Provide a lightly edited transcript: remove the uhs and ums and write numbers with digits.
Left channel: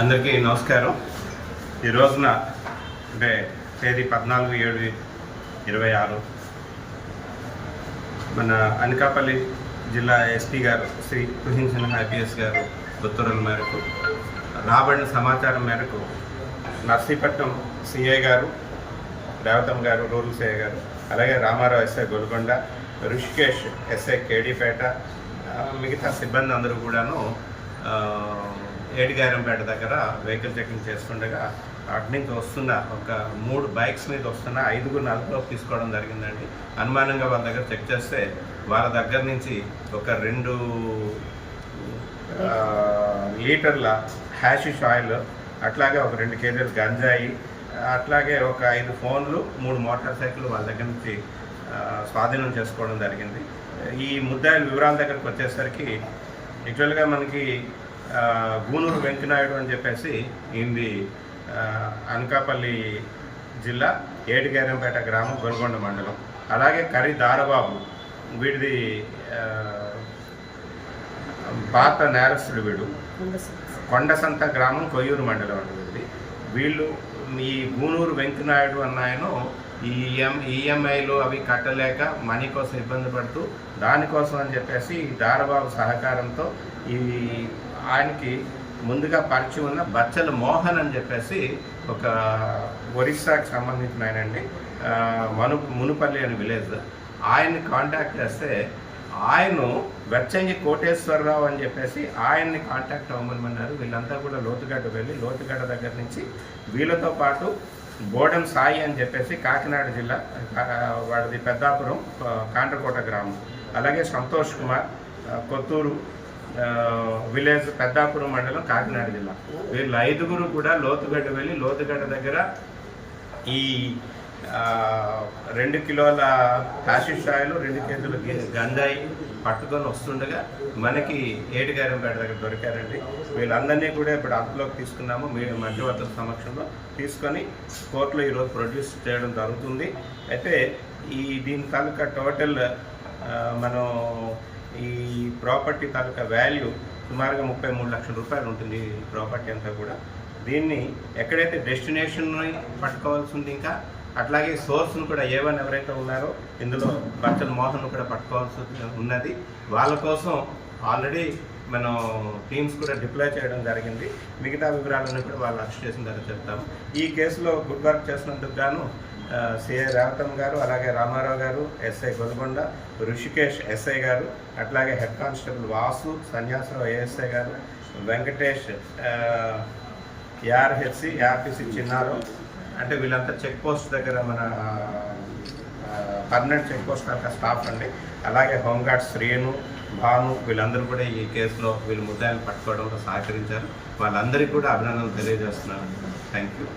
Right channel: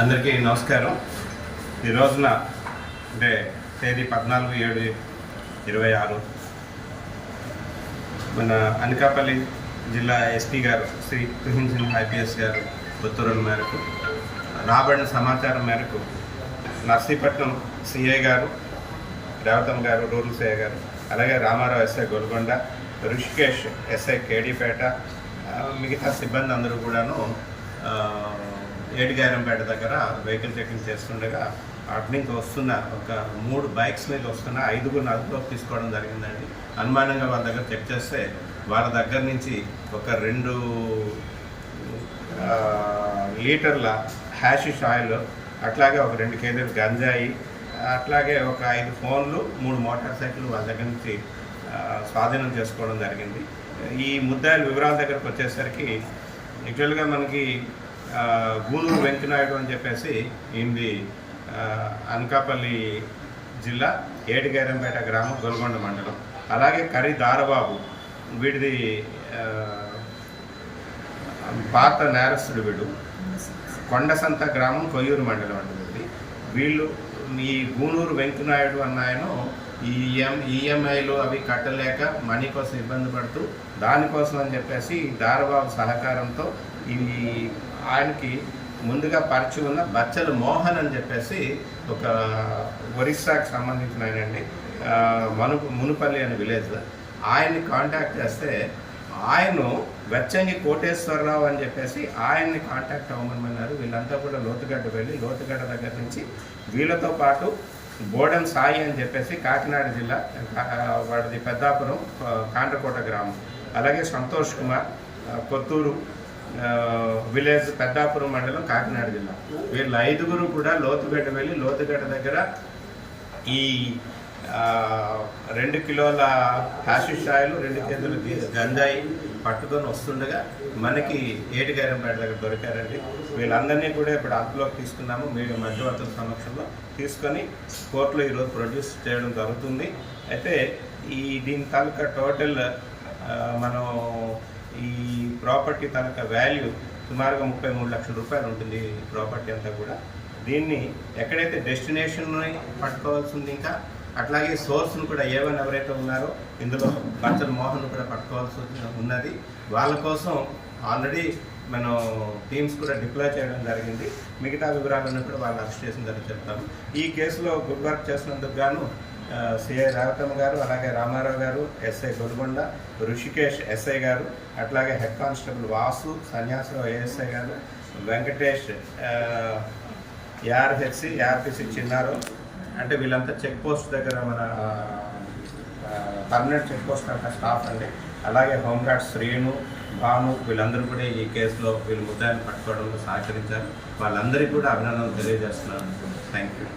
అందరికీ నమస్కారం. ఈ రోజున అంటే తేదీ 14/7/26 మన అనకాపల్లి జిల్లా ఎస్పీ గారు శ్రీ తుహిన్ సిన్హా ఐపీఎస్ గారు ఉత్తర్వుల మేరకు రాబడిన సమాచారం మేరకు నర్సీపట్నం సిఐ గారు, రేవతమ్మ గారు రూరల్ సిఐ గారు, అలాగే రామారావు ఎస్ఐ గోల్కొండ, ఋషికేష్ ఎస్ఐ కేడీపేట, మిగతా సిబ్బంది అందరూ కూడాను ఏటిగారంపేట దగ్గర వెహికల్ చెకింగ్ చేస్తుండగా అటు నుంచి వస్తున్న ఒక 3 బైక్స్ మీద వస్తున్న 5 అదుపులోకి తీసుకోవడం జరిగిందండి. అనుమానంగా వాళ్ళ దగ్గర చెక్ చేస్తే వాళ్ళ దగ్గర నుంచి ఒక 2 లీటర్ల హ్యాషిష్ ఆయిల్, అట్లాగే ఒక 2 కేజీలు గంజాయి, అట్లాగే ఒక 5 ఫోన్లు, 3 మోటార్ సైకిల్ వాళ్ళ దగ్గర నుంచి స్వాధీనం చేసుకోవడం జరిగింది. ఈ ముద్దాయిల వివరాల దగ్గరకు వచ్చేసరికి యాక్చువల్గా మనకి గూనూరు వెంకనాయుడు అని చెప్పేసి ఇది అనకాపల్లి జిల్లా ఏటిగారంపేట గ్రామం, గొల్గొండ మండలం. అలాగే కర్రీ దారబాబు, వీడిది పాత నేరస్తుడు, వీడు కొండసంత గ్రామం, కొయ్యూరు మండలం అంటుంది. వీళ్ళు ఈ గూనూరు వెంకనాయుడు అన్న ఆయన ఈఎంఐలు అవి కట్టలేక మనీ కోసం ఇబ్బంది పడుతూ దానికోసం అని చెప్పేసి దారబాబు సహకారంతో ఈ ఆయనకి ముందుగా పరిచయం ఉన్న బచ్చల మోహన్ అని చెప్పేసి ఒక ఒరిస్సాకి సంబంధించిన ఆయనండి, మునుపల్లి అనే విలేజ్. ఆయన్ని కాంటాక్ట్ చేస్తే ఆయన వెచ్చంగి కోటేశ్వరరావు అని చెప్పేసి ఆయన్ని కాంటాక్ట్ అవ్వమన్నారు. వీళ్ళంతా కూడా లోతుగడ్డ వెళ్ళి లోతుగడ్డ దగ్గర నుంచి వీళ్ళతో పాటు బోడెం సాయి అని చెప్పేసి కాకినాడ జిల్లా, వాడిది పెద్దాపురం కాండ్రకోట గ్రామం, అలాగే సంతోష్ కుమార్ కొత్తూరు విలేజ్, పెద్దాపురం మండలం, కాకినాడ జిల్లా. వీళ్ళు 5 కూడా లోతుగడ్డ వెళ్ళి లోతుగడ్డ దగ్గర ఈ 2 కిలోల హ్యాషిష్ ఆయిల్, 2 కేజీల గంజాయి పట్టుకొని వస్తుండగా మనకి ఏటిగారంపేట దగ్గర దొరికారండి. వీళ్ళందరినీ కూడా ఇప్పుడు అదుపులోకి తీసుకున్నాము. మీరు మధ్యవర్తుల సమక్షంలో తీసుకొని కోర్టులో ఈరోజు ప్రొడ్యూస్ చేయడం జరుగుతుంది. అయితే దీని తాలూకా టోటల్ మనం ఈ ప్రాపర్టీ తాలూకా వాల్యూ సుమారుగా 33 లక్షల రూపాయలు ఉంటుంది ఈ ప్రాపర్టీ అంతా కూడా. దీన్ని ఎక్కడైతే డెస్టినేషన్ని పట్టుకోవాల్సి ఉంది, ఇంకా అట్లాగే సోర్స్ను కూడా ఎవరైతే ఉన్నారో ఇందులో బచ్చల మోహన్ కూడా పట్టుకోవాల్సి ఉన్నది. వాళ్ళ కోసం ఆల్రెడీ మనం టీమ్స్ కూడా డిప్లాయ్ చేయడం జరిగింది. మిగతా వివరాలను కూడా వాళ్ళు అరెస్ట్ చేసిన తర్వాత చెప్తాము. ఈ కేసులో గుడ్ వర్క్ చేసినందుకు గాను సిఐ రేవతమ్మ గారు, అలాగే రామారావు గారు, ఎస్ఐ గోల్కొండ, ఋషికేష్ ఎస్ఐ గారు, అట్లాగే head constable Vasu, Sanyasa Rao ASI గారు, వెంకటేష్ ఆర్పిసి చిన్నారావు, అంటే వీళ్ళంతా చెక్ పోస్ట్ దగ్గర మన పర్మనెంట్ చెక్ పోస్ట్ స్టాఫ్ అండి. అలాగే హోంగార్డ్ శ్రీను, భాను, వీళ్ళందరూ కూడా ఈ కేసులో వీళ్ళు ముద్దాయిని పట్టుకోవడంలో సహకరించారు. వాళ్ళందరికీ కూడా అభినందనలు తెలియజేస్తున్నాను. Thank you.